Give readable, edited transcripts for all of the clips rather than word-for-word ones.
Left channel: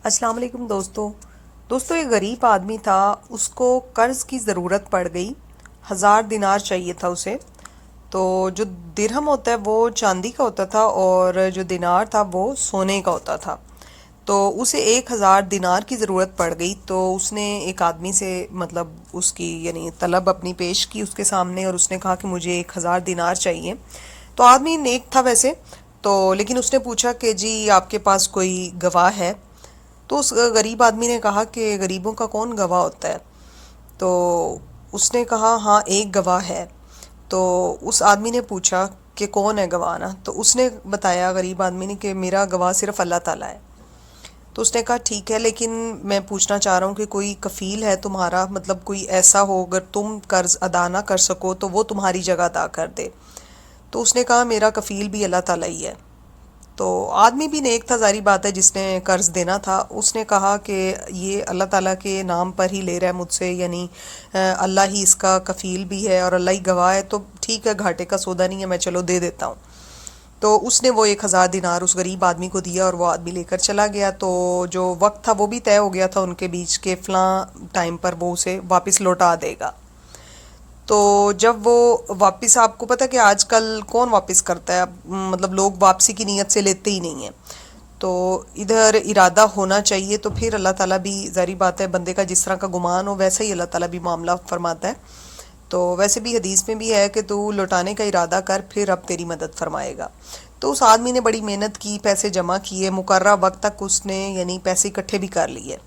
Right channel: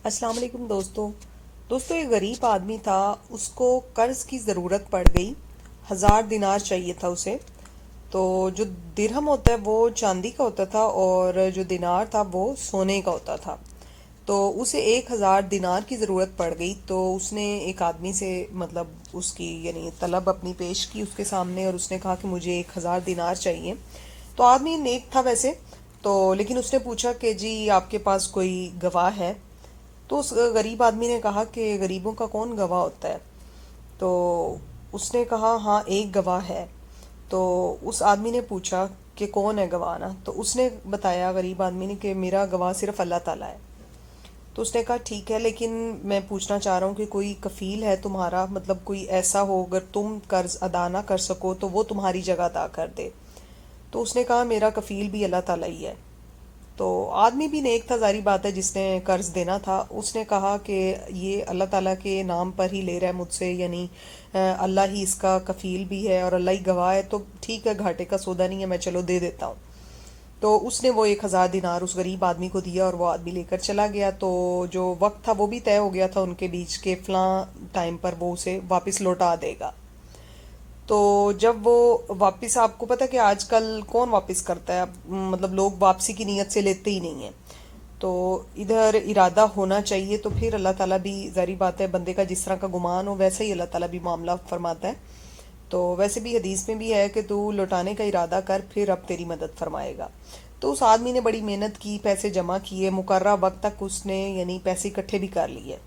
अस्सलाम वालेकुम दोस्तों एक गरीब आदमी था, उसको कर्ज की ज़रूरत पड़ गई। 1000 दिनार चाहिए था उसे। तो जो दिरहम होता है वो चांदी का होता था और जो दिनार था वो सोने का होता था। तो उसे 1000 दिनार की ज़रूरत पड़ गई, तो उसने एक आदमी से मतलब उसकी यानी तलब अपनी पेश की उसके सामने, और उसने कहा कि मुझे 1000 दिनार चाहिए। तो आदमी नेक था वैसे तो, लेकिन उसने पूछा कि जी आपके पास कोई गवाह है? तो उस गरीब आदमी ने कहा कि गरीबों का कौन गवाह होता है? तो उसने कहा हाँ एक गवाह है। तो उस आदमी ने पूछा कि कौन है गवाह ना? तो उसने बताया गरीब आदमी ने कि मेरा गवाह सिर्फ अल्लाह ताला है। तो उसने कहा ठीक है, लेकिन मैं पूछना चाह रहा हूँ कि कोई कफ़ील है तुम्हारा, मतलब कोई ऐसा हो अगर तुम कर्ज अदा ना कर सको तो वो तुम्हारी जगह अदा कर दे। तो उसने कहा मेरा कफ़ील भी अल्लाह ताला ही है। तो आदमी भी नेक था, ज़ाहिर बात है, जिसने कर्ज देना था। उसने कहा कि ये अल्लाह ताला के नाम पर ही ले रहा है मुझसे, यानी अल्लाह ही इसका कफ़ील भी है और अल्लाह ही गवाह है, तो ठीक है, घाटे का सौदा नहीं है, मैं चलो दे देता हूँ। तो उसने वो 1000 दिनार उस गरीब आदमी को दिया और वो आदमी लेकर चला गया। तो जो वक्त था वो भी तय हो गया था उनके बीच के फ़लाँ टाइम पर वो उसे वापस लौटा देगा। तो जब वो वापस, आपको पता है कि आजकल कौन वापस करता है? मतलब लोग वापसी की नीयत से लेते ही नहीं है। तो इधर इरादा होना चाहिए, तो फिर अल्लाह ताला भी, ज़ाहिर बात है, बंदे का जिस तरह का गुमान हो वैसा ही अल्लाह ताला भी मामला फरमाता है। तो वैसे भी हदीस में भी है कि तू लौटाने का इरादा कर, फिर अब तेरी मदद फरमाएगा। तो उस आदमी ने बड़ी मेहनत की, पैसे जमा किए, मुकर्रा वक्त तक उसने यानी पैसे इकट्ठे भी कर लिए।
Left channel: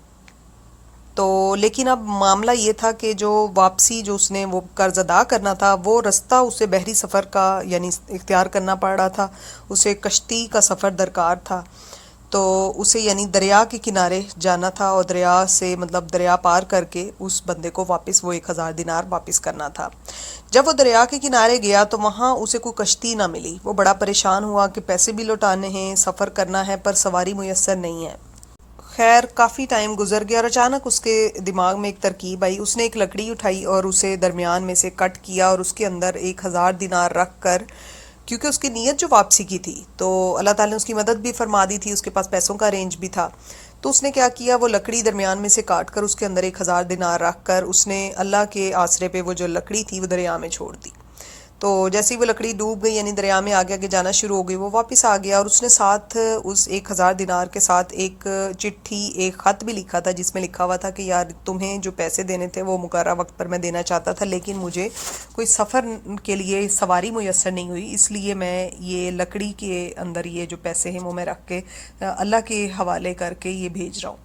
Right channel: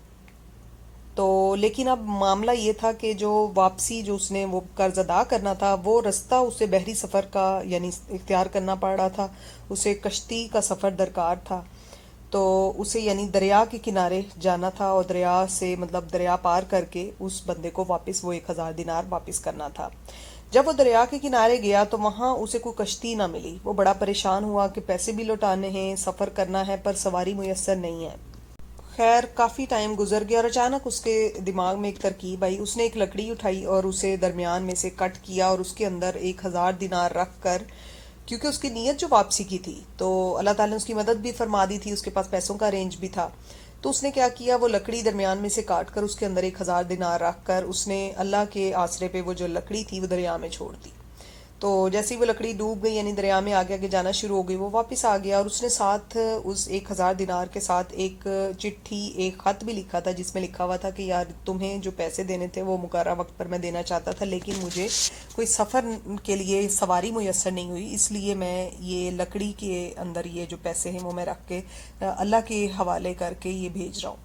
तो लेकिन अब मामला ये था कि जो वापसी, जो उसने वो कर्ज अदा करना था, वो रास्ता उसे बहरी सफ़र का यानी इख्तियार करना पड़ रहा था। उसे कश्ती का सफ़र दरकार था। तो उसे यानी दरिया के किनारे जाना था और दरिया से मतलब दरिया पार करके उस बंदे को वापस वो 1000 दिनार वापस करना था। जब वो दरिया के किनारे गया तो वहाँ उसे कोई कश्ती ना मिली। वो बड़ा परेशान हुआ कि पैसे भी लौटाने हैं, सफ़र करना है, पर सवारी मुयस्सर नहीं है। खैर काफ़ी टाइम गुजर गया और अचानक उसके दिमाग में एक तरकीब आई। उसने एक लकड़ी उठाई और उसे दरमियान में से कट किया और उसके अंदर 1000 दिनार रख कर, क्योंकि उसकी नीयत जो वापसी की थी, तो अल्लाह ताला ने उसकी मदद भी फरमा दी थी, उसके पास पैसों का अरेंज भी था। तो उसने क्या किया, वो लकड़ी दरमियान में से काट कर उसके अंदर 1000 दिनार रख कर उसने अल्लाह के आसरे पे वो जो लकड़ी थी वो दरिया में छोड़ दी। तो जैसे ही वो लकड़ी डूब गई यानी दरिया में आगे आगे जाना शुरू हो गई, वो वापस आ गया और उसने साथ उस 1000 दिनार के साथ एक चिट्ठी, एक ख़त भी लिखा था, जिसमें लिखा हुआ था कि यार तुम्हें जो पैसे देने थे वो मुकर्रा वक्त पर मैं देना चाहता था, लेकिन मुझे कोई सफ़र के लिए सवारी मुयस्सर नहीं हुई, इसलिए मैं ये लकड़ी के अंदर ये जो पैसे हैं वो मैं रख के अल्लाह के हवाले करके ये भेज रहा हूँ।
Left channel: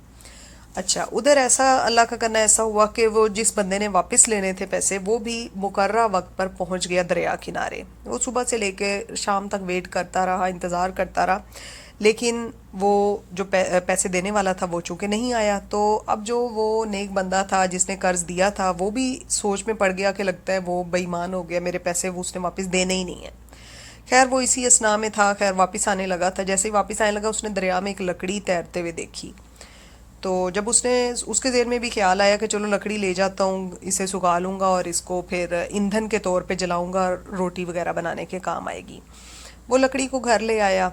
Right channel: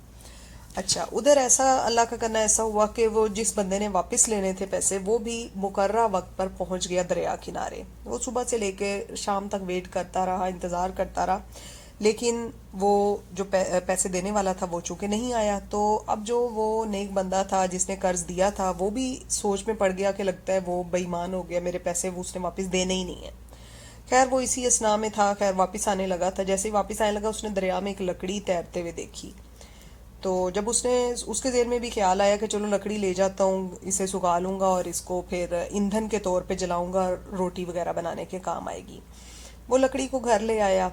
अच्छा, उधर ऐसा अल्लाह का करना ऐसा हुआ कि वो जिस बंदे ने वापस लेने थे पैसे, वो भी मुकर्रा वक्त पर पहुंच गया दरिया किनारे। वो सुबह से लेके शाम तक वेट करता रहा, इंतज़ार करता रहा, लेकिन वो जो पैसे देने वाला था वो चूंकि नहीं आया। तो अब जो वो नेक बंदा था जिसने कर्ज दिया था, वो भी सोच में पड़ गया कि लगता है वो बेईमान हो गया, मेरे पैसे वो उसने वापस देने ही नहीं है। खैर वो इसी असना में था, खैर वापस आने लगा था। जैसे ही वापस आने लगा उसने दरिया में एक लकड़ी तैरते हुए देखी। तो जब उसने, उसके ज़हन में भी ख्याल आया कि चलो लकड़ी ले जाता हूँ, इसे सुखा लूँगा और इसको फिर ईंधन के तौर पे जलाऊँगा, रोटी वगैरह बनाने के काम आएगी। वो लकड़ी को घर ले आया,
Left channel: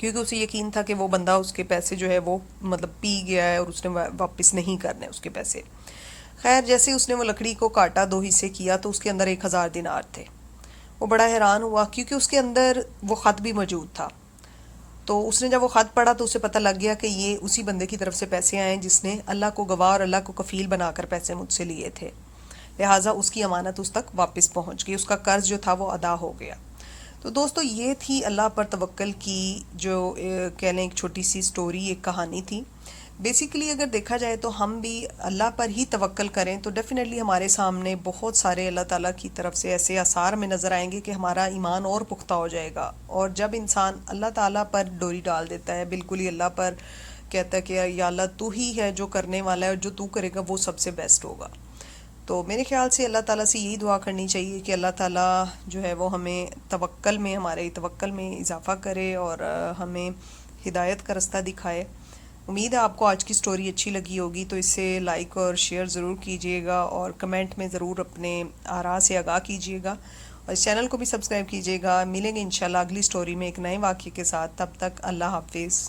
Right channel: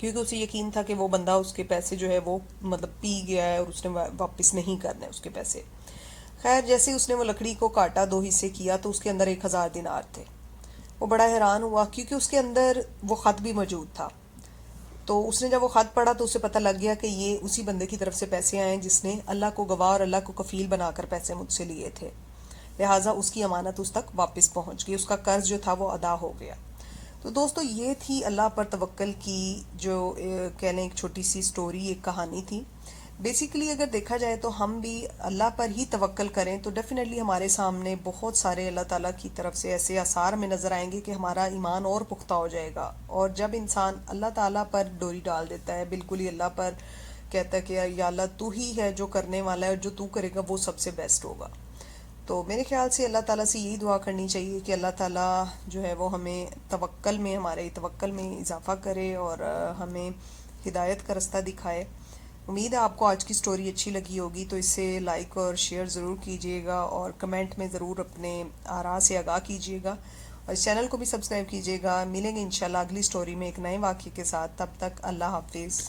क्योंकि उसे यकीन था कि वो बंदा उसके पैसे जो है वो मतलब पी गया है और उसने वापस नहीं करने उसके पैसे। खैर जैसे ही उसने वो लकड़ी को काटा, दो हिस्से किया, तो उसके अंदर 1000 दिनार थे। वो बड़ा हैरान हुआ क्योंकि उसके अंदर वो ख़त भी मौजूद था। तो उसने जब वो ख़त पढ़ा तो उसे पता लग गया कि ये उसी बंदे की तरफ से पैसे आए हैं जिसने अल्लाह को गवाह और अल्लाह को कफ़ील बनाकर पैसे मुझसे लिए थे। लिहाजा उसकी अमानत उस तक वापस पहुंच गई, उसका कर्ज जो था वो अदा हो गया। तो दोस्तों ये थी अल्लाह पर तवक्ल की जो कह लें एक छोटी सी स्टोरी, एक कहानी थी। बेसिकली अगर देखा जाए तो हम भी अल्लाह पर ही तवक्ल करें तो डेफिनेटली हमारे सामने बहुत सारे अल्लाह ताला की तरफ से ऐसे आसार में नज़र आएंगे कि हमारा ईमान और पुख्ता हो जाएगा। और जब इंसान अल्लाह ताला पर डोरी डाल देता है, बिल्कुल ही अल्लाह पर कहता है कि या अल्लाह तू ही है जो करने वाला है और जो तू करेगा वो सबसे बेस्ट होगा। तो मेरे ख्याल से अल्लाह ताला से यही दुआ करनी चाहिए कि अल्लाह ताला जो है वो हमें तवक्ल में, हमारे तवक्ल में इजाफ़ा करे और हमें हिदायत का रास्ता दिखाए। उम्मीद है आपको आज की स्टोरी अच्छी लगी होगी, तो इसे लाइक और शेयर ज़रूर कीजिएगा और कमेंट में ज़रूर अपने आरा से आगाह कीजिएगा और इस चैनल को भी सब्सक्राइब कीजिएगा। मिलेंगे इंशाल्लाह अगली स्टोरी में एक नए वाक़ये के साथ। तब तक अल्लाह हाफिज़।